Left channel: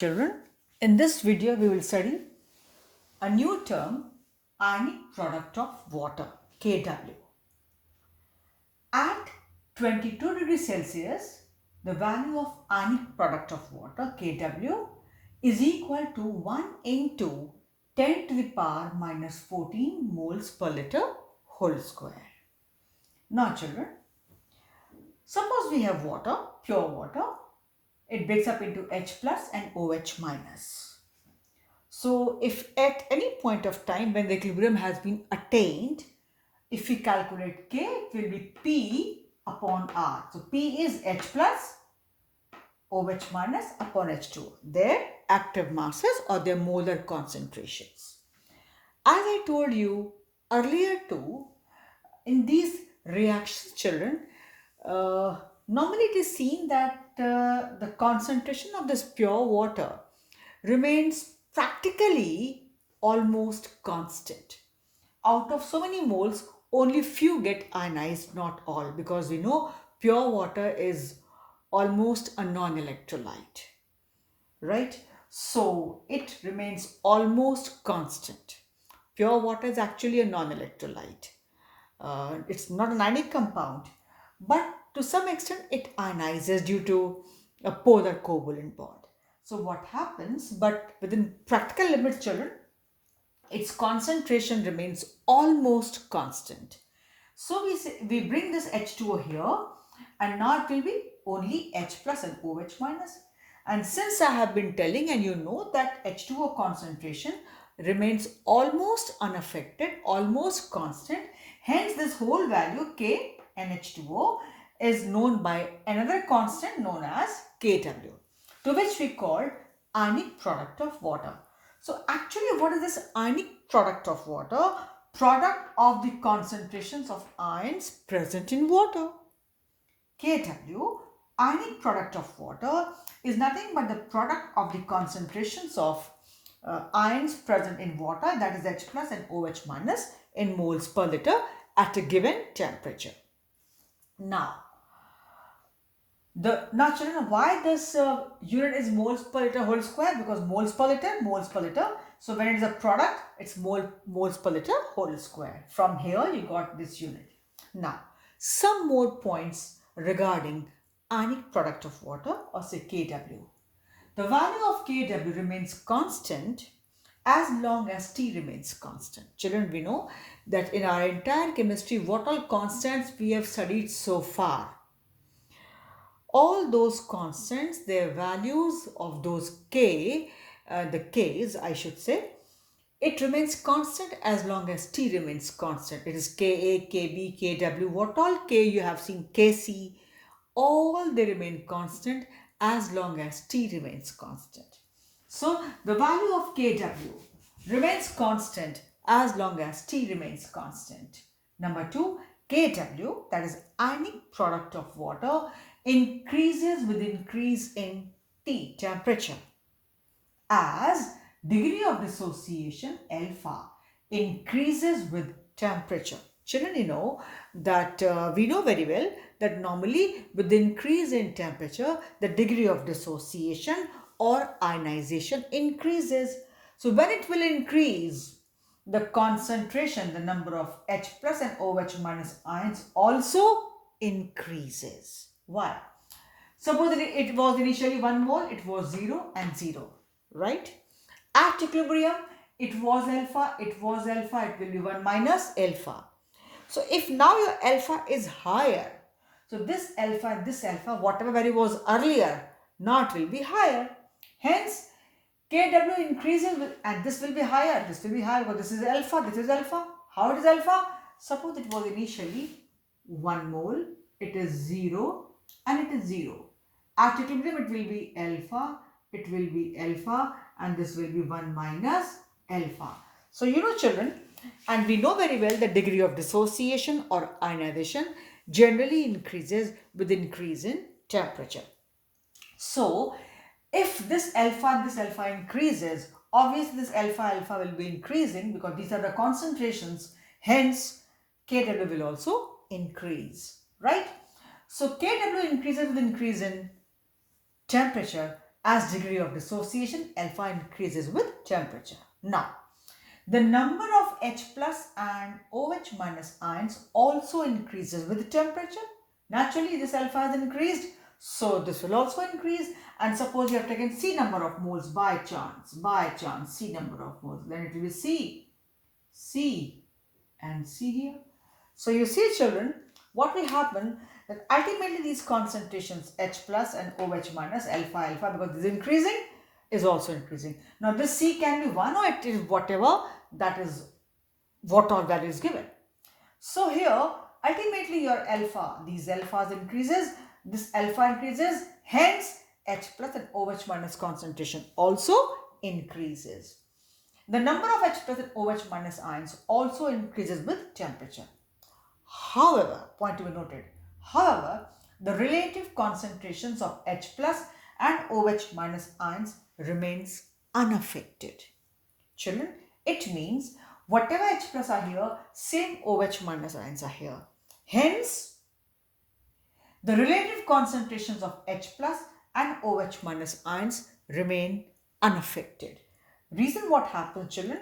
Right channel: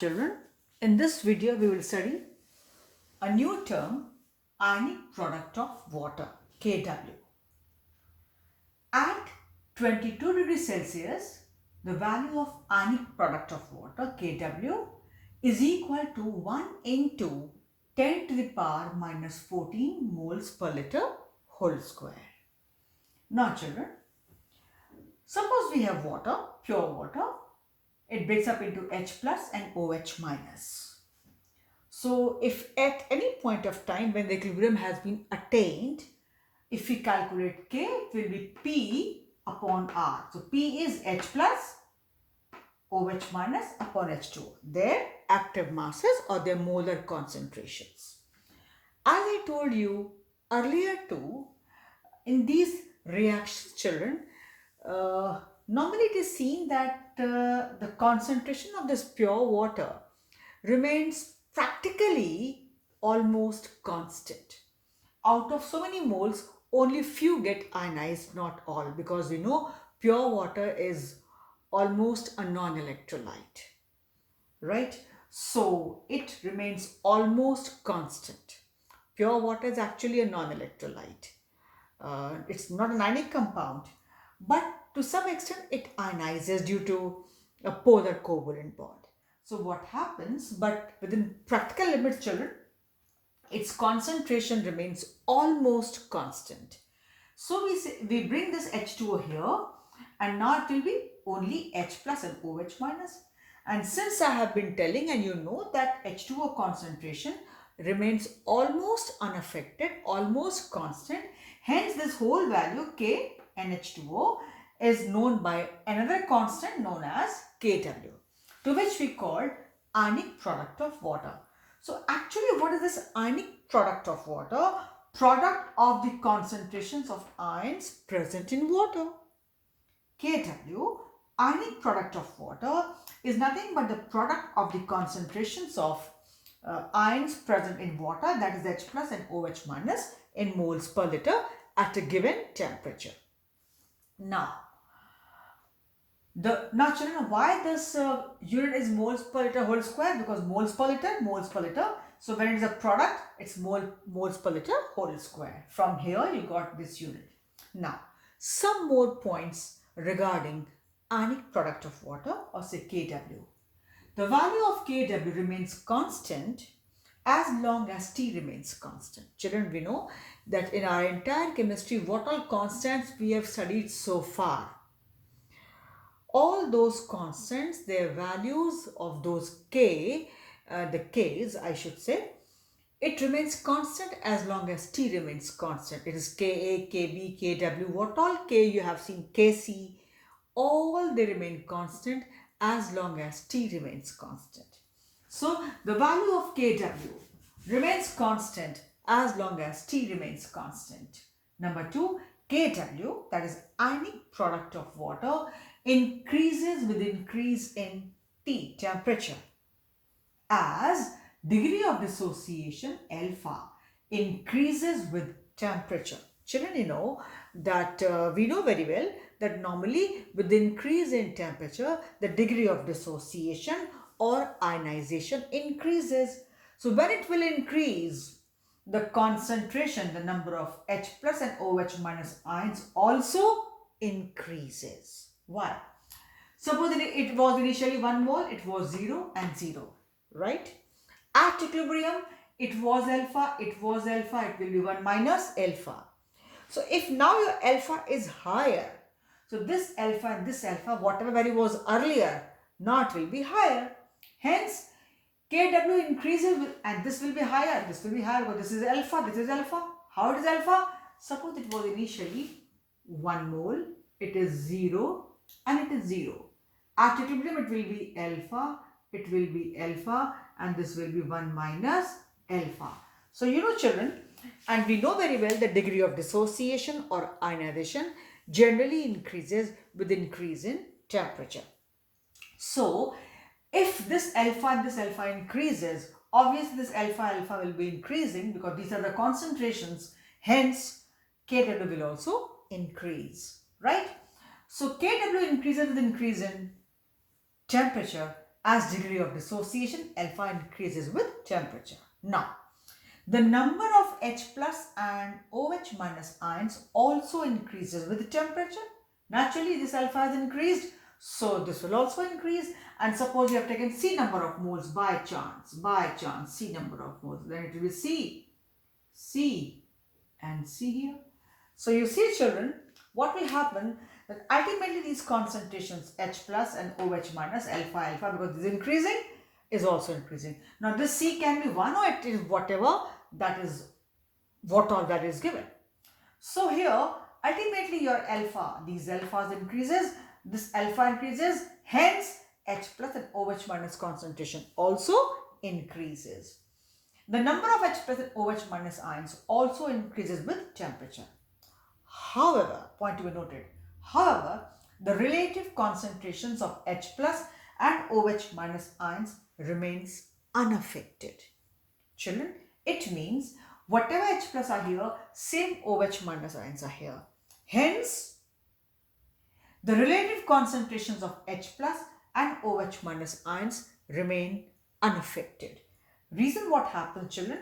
Children, in this video we will study a new term, ionic product of water, Kw. At 22 degrees Celsius, the value of ionic product of water, Kw, is equal to 1 into 10 to the power minus 14 moles per liter whole square. Now children, suppose we have water, pure water. It breaks up into H plus and OH minus. So if at any point of time when the equilibrium has been attained, if we calculate K, it will be P upon R. So P is H plus OH minus upon H2. Their active masses or their molar concentrations. As I told you earlier too, in these reactions, children, normally it is seen that the concentration of this pure water remains practically almost constant. Out of so many moles, only few get ionized, not all, because we know pure water is almost a non-electrolyte, right? So it remains almost constant. Pure water is actually a non-electrolyte. It's not an ionic compound, but to some extent it ionizes due to a polar covalent bond. So what happens, but within practical limits, children, its concentration remains almost constant. So we bring this H2O here, and now it will be only H plus and OH minus. And since I have been telling and you know that H2O concentration remains almost unaffected, almost constant, hence this whole value K and H2O is known by another constant known as Kw, to which we call ionic product of water. So actually what is this ionic product of water? Product of the concentrations of ions present in water. Kw, ionic product of water, is nothing but the product of the concentrations of ions present in water, that is H plus and OH minus in moles per liter at a given temperature. Now children, why this unit is moles per liter whole square? Because moles per liter, moles per liter. So when it is a product, it's moles per liter whole square. From here you got this unit. Now some more points regarding ionic product of water, or say Kw. The value of Kw remains constant as long as T remains constant. Children, we know that in our entire chemistry, what all constants we have studied so far, all those constants, their values of those K, the K's I should say, it remains constant as long as T remains constant. It is Ka, Kb, Kw, what all K you have seen, Kc, all they remain constant as long as T remains constant. So the value of Kw remains constant as long as T remains constant. Number 2, Kw, that is ionic product of water, increases with increase in T temperature as degree of dissociation alpha increases with temperature. Children, you know that we know very well that normally with the increase in temperature, the degree of dissociation or ionization increases. So when it will increase, the concentration, the number of H plus and OH minus ions also increases. Why? Suppose it was initially 1 mole, it was 0 and 0, right? At equilibrium, it was alpha, it will be 1 minus alpha. So if now your alpha is higher, so this alpha and this alpha, whatever value was earlier, now it will be higher. Hence, Kw increases and this will be higher, this will be higher, but this is alpha, this is alpha. How it is alpha? Suppose it was initially 1 mole, it is 0 and it is 0. At equilibrium it will be alpha, and this will be 1 minus alpha. So you know children, and we know very well the degree of dissociation or ionization generally increases with increase in temperature. So if this alpha and this alpha increases, obviously this alpha will be increasing because these are the concentrations, hence Kw will also increase, right? So Kw increases with increase in temperature As degree of dissociation, alpha increases with temperature. Now, the number of H plus and OH minus ions also increases with temperature. Naturally, this alpha has increased, so this will also increase. And suppose you have taken C number of moles by chance, C number of moles, then it will be C and C here. So you see, children, what will happen that ultimately these concentrations H plus and OH minus alpha because this is increasing is also increasing. Now this C can be 1 or it is whatever that is what all value is given. So here ultimately your alpha, these alphas increases, this alpha increases, hence H plus and OH minus concentration also increases. The number of H plus and OH minus ions also increases with temperature. However, point to be noted, however, the relative concentrations of H plus and OH minus ions remains unaffected. Children, it means whatever H plus are here, same OH minus ions are here. Hence, the relative concentrations of H plus and OH minus ions remain unaffected. Reason what happens, children?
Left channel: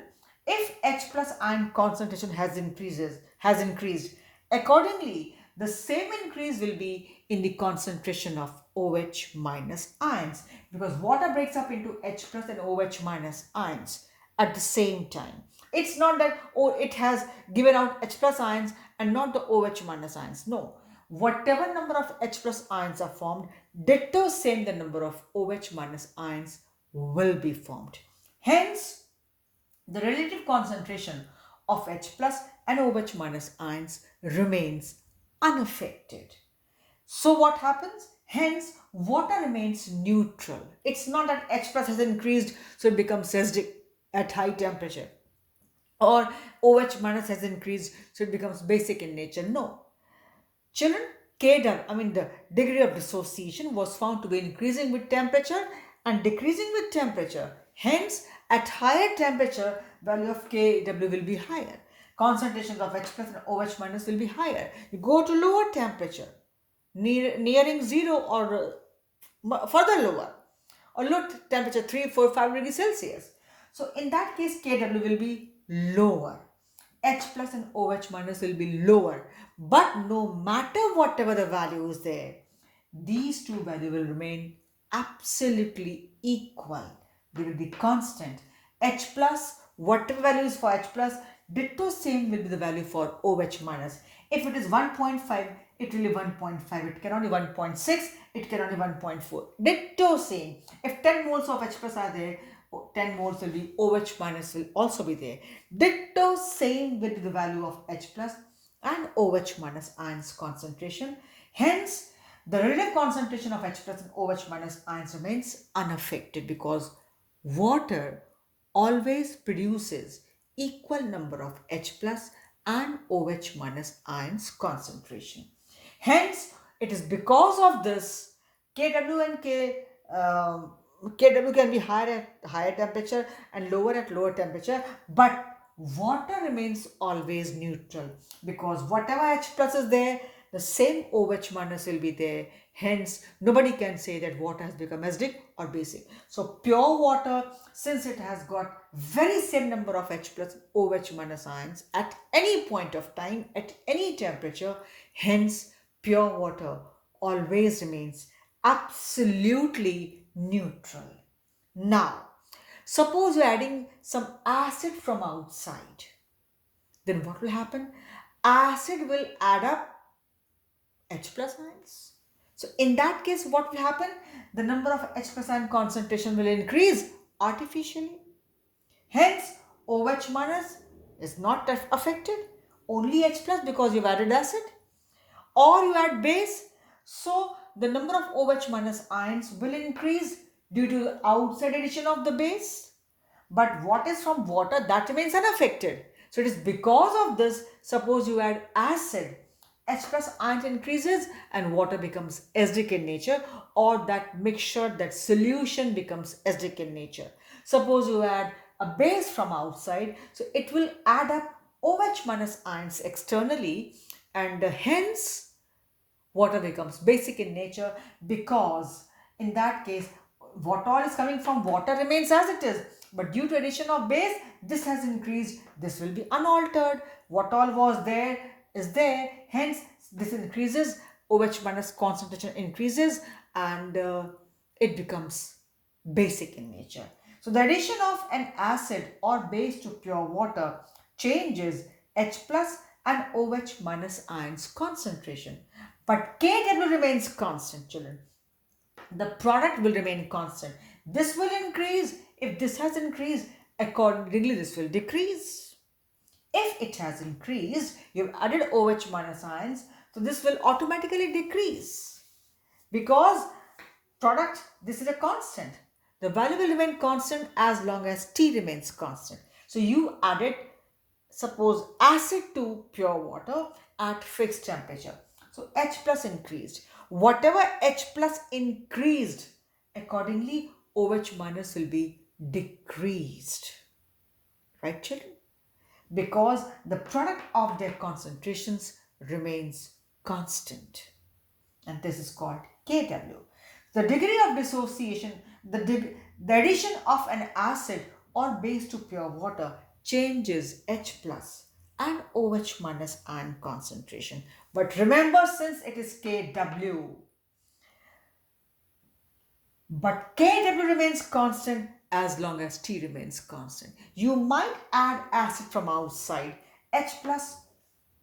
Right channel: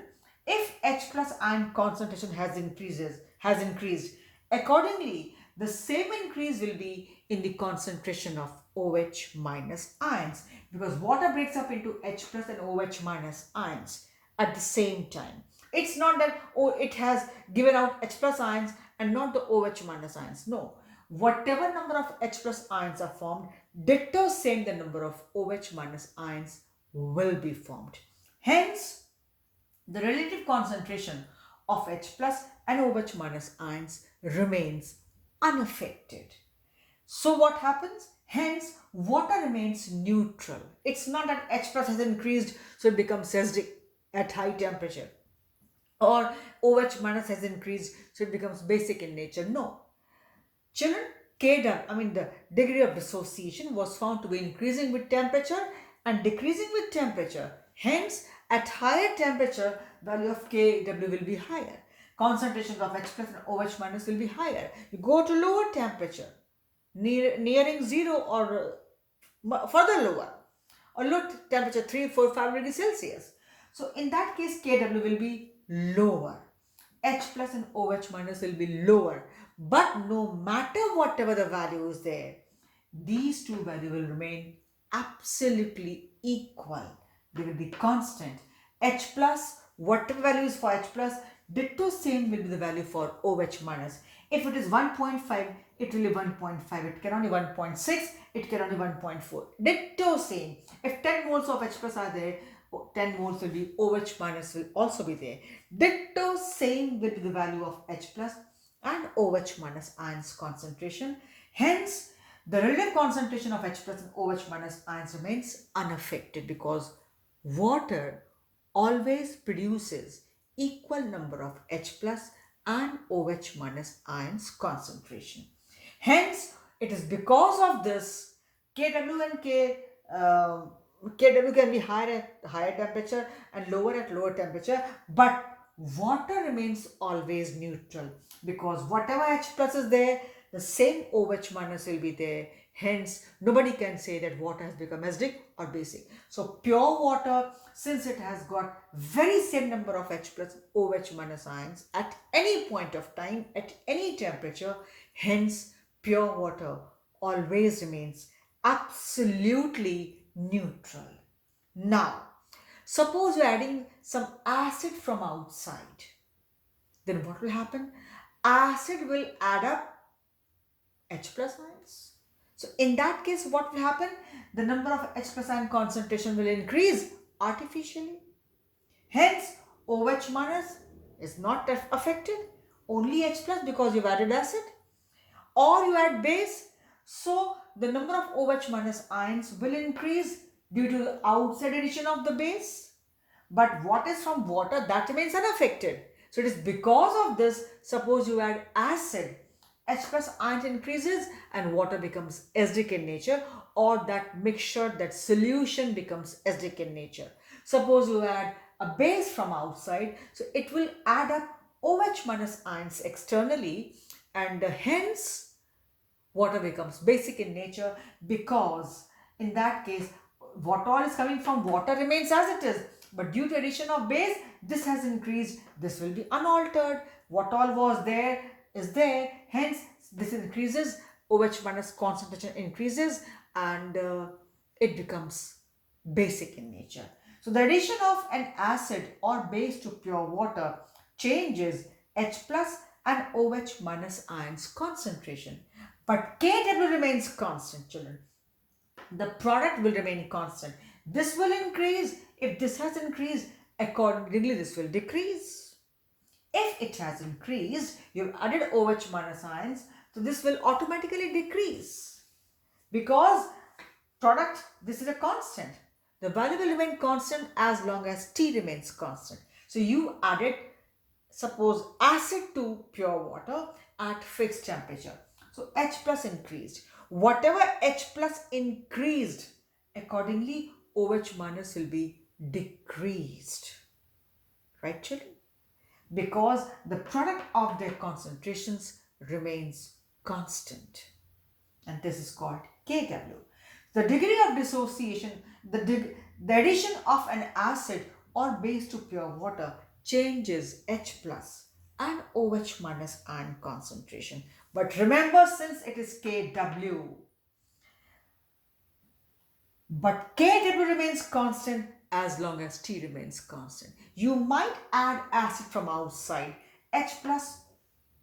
If H plus ion concentration has increased, accordingly, the same increase will be in the concentration of OH minus ions because water breaks up into H plus and OH minus ions at the same time. It's not that, oh, it has given out H plus ions and not the OH minus ions. No. Whatever number of H plus ions are formed, ditto same the number of OH minus ions will be formed. Hence, the relative concentration of H plus and OH minus ions remains unaffected. So what happens? Hence, water remains neutral. It's not that H plus has increased, so it becomes acidic at high temperature. Or OH minus has increased, so it becomes basic in nature. No. Children, the degree of dissociation was found to be increasing with temperature and decreasing with temperature. Hence, at higher temperature, value of Kw will be higher. Concentrations of H plus and OH minus will be higher. You go to lower temperature, nearing 0 or further lower, or low temperature 3, 4, 5 degrees Celsius. So in that case, Kw will be lower. H plus and OH minus will be lower. But no matter whatever the value is there, these two values will remain absolutely equal. They will be constant. H plus, whatever value is for H plus, ditto same will be the value for OH minus. If it is 1.5, it will be 1.5. It can only 1.6, it can only 1.4. Ditto same. If 10 moles of H plus are there, 10 moles will be OH minus will also be there. Ditto same will be the value of H plus and OH minus ions concentration. Hence, the relative concentration of H plus and OH minus ions remains unaffected because water always produces equal number of H plus and OH minus ions concentration. Hence, it is because of this Kw and Kw can be higher at higher temperature and lower at lower temperature, but water remains always neutral because whatever H plus is there, the same OH minus will be there. Hence, nobody can say that water has become acidic or basic. So, pure water, since it has got very same number of H plus OH minus ions at any point of time, at any temperature, hence pure water always remains absolutely neutral. Now, suppose you're adding some acid from outside. Then what will happen? Acid will add up H plus ions. So in that case, what will happen? The number of H plus ion concentration will increase artificially. Hence, OH minus is not affected. Only H plus because you've added acid. Or you add base. So the number of OH minus ions will increase due to the outside addition of the base. But what is from water, that remains unaffected. So it is because of this, suppose you add acid, H plus ions increases and water becomes acidic in nature, or that mixture, that solution becomes acidic in nature. Suppose you add a base from outside, so it will add up OH minus ions externally, and hence water becomes basic in nature because in that case what all is coming from water remains as it is. But due to addition of base, this has increased. This will be unaltered. What all was there is there. Hence, this increases. OH minus concentration increases and it becomes basic in nature. So the addition of an acid or base to pure water changes H plus and OH minus ions concentration. But Kw remains constant, children. The product will remain constant. This will increase. If this has increased, accordingly this will decrease. If it has increased, you've added OH minus ions, so this will automatically decrease because product, this is a constant. The value will remain constant as long as T remains constant. So you added, suppose, acid to pure water at fixed temperature. So H plus increased. Whatever H plus increased, accordingly OH minus will be decreased. Right, children? Because the product of their concentrations remains constant. And this is called Kw. The degree of dissociation, the addition of an acid or base to pure water changes H plus and OH minus ion concentration. But remember, since it is Kw, but Kw remains constant as long as T remains constant. You might add acid from outside, H plus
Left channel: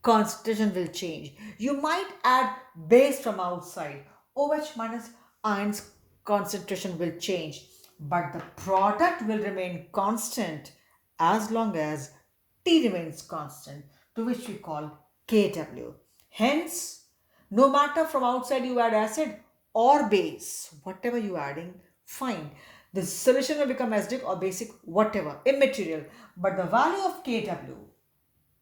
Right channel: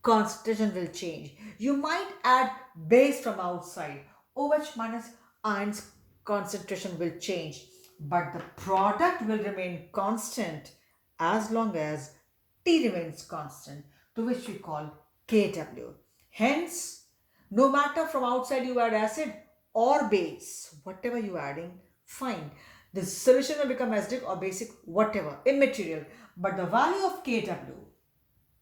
concentration will change. You might add base from outside, OH minus ions concentration will change. But the product will remain constant as long as T remains constant, to which we call Kw. Hence, no matter from outside you add acid or base, whatever you are adding, fine. The solution will become acidic or basic, whatever, immaterial. But the value of Kw,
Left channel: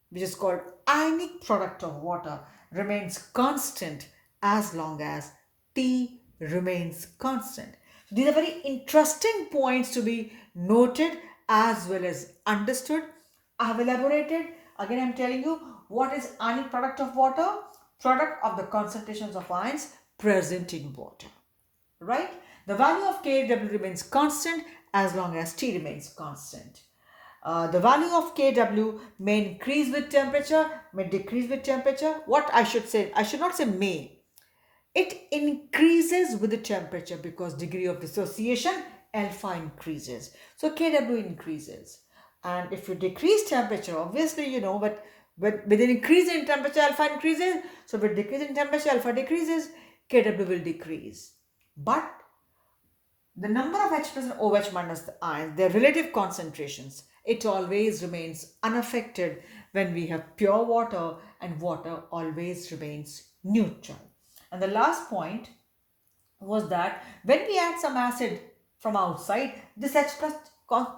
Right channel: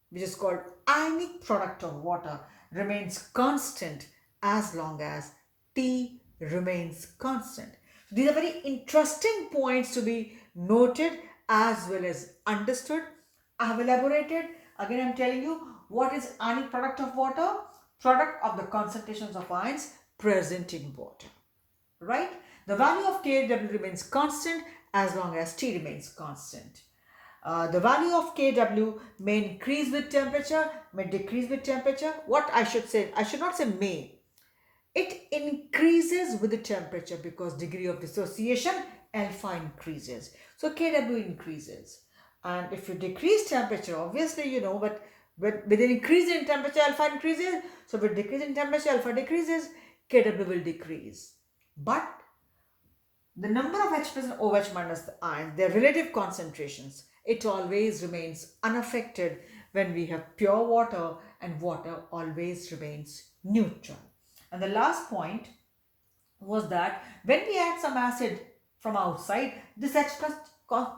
which is called ionic product of water, remains constant as long as T remains constant. These are very interesting points to be noted as well as understood. I have elaborated. Again, I am telling you what is ionic product of water? Product of the concentrations of ions present in water. Right? The value of Kw remains constant as long as T remains constant. The value of Kw may increase with temperature, may decrease with temperature. What I should say, I should not say may. It increases with the temperature because degree of dissociation, alpha increases. So Kw increases. And if you decrease temperature, obviously you know, but with an increase in temperature, alpha increases. So with decrease in temperature, alpha decreases, Kw will decrease. But the number of H plus and OH minus ions, their relative concentrations, it always remains unaffected when we have pure water, and water always remains neutral. And the last point was that when we add some acid from outside, this H plus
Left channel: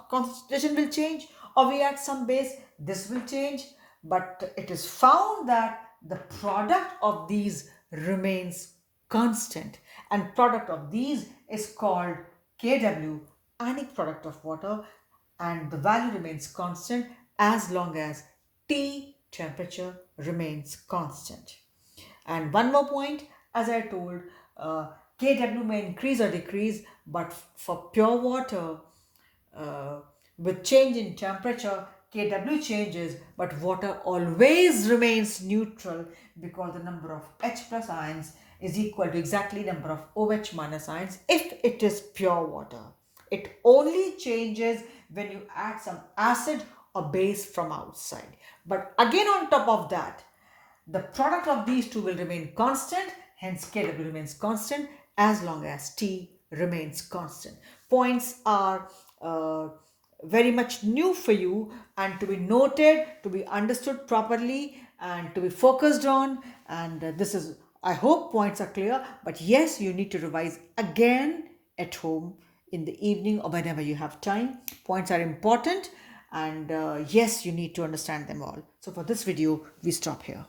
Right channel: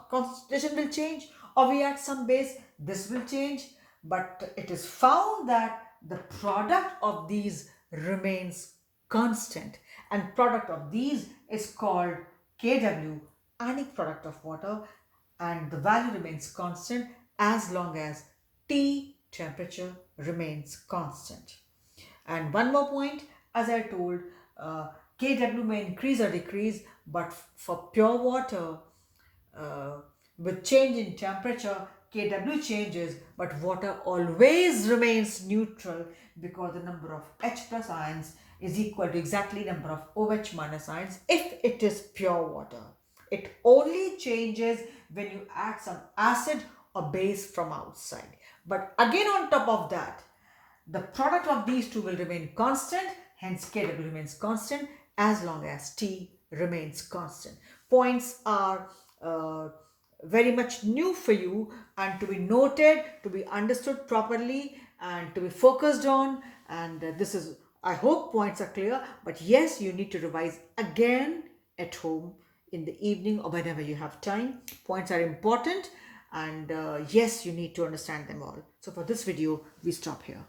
concentration will change, or we add some base, this will change. But it is found that the product of these remains constant, and product of these is called Kw, ionic product of water, and the value remains constant as long as T temperature remains constant. And one more point, as I told, Kw may increase or decrease, but for pure water, with change in temperature, Kw changes, but water always remains neutral because the number of H plus ions is equal to exactly number of OH minus ions if it is pure water. It only changes when you add some acid or base from outside. But again, on top of that, the product of these two will remain constant, hence Kw remains constant as long as T remains constant. Points are very much new for you and to be noted, to be understood properly and to be focused on. And this is, I hope points are clear, but yes, you need to revise again at home in the evening or whenever you have time. Points are important and yes, you need to understand them all. So for this video, we stop here.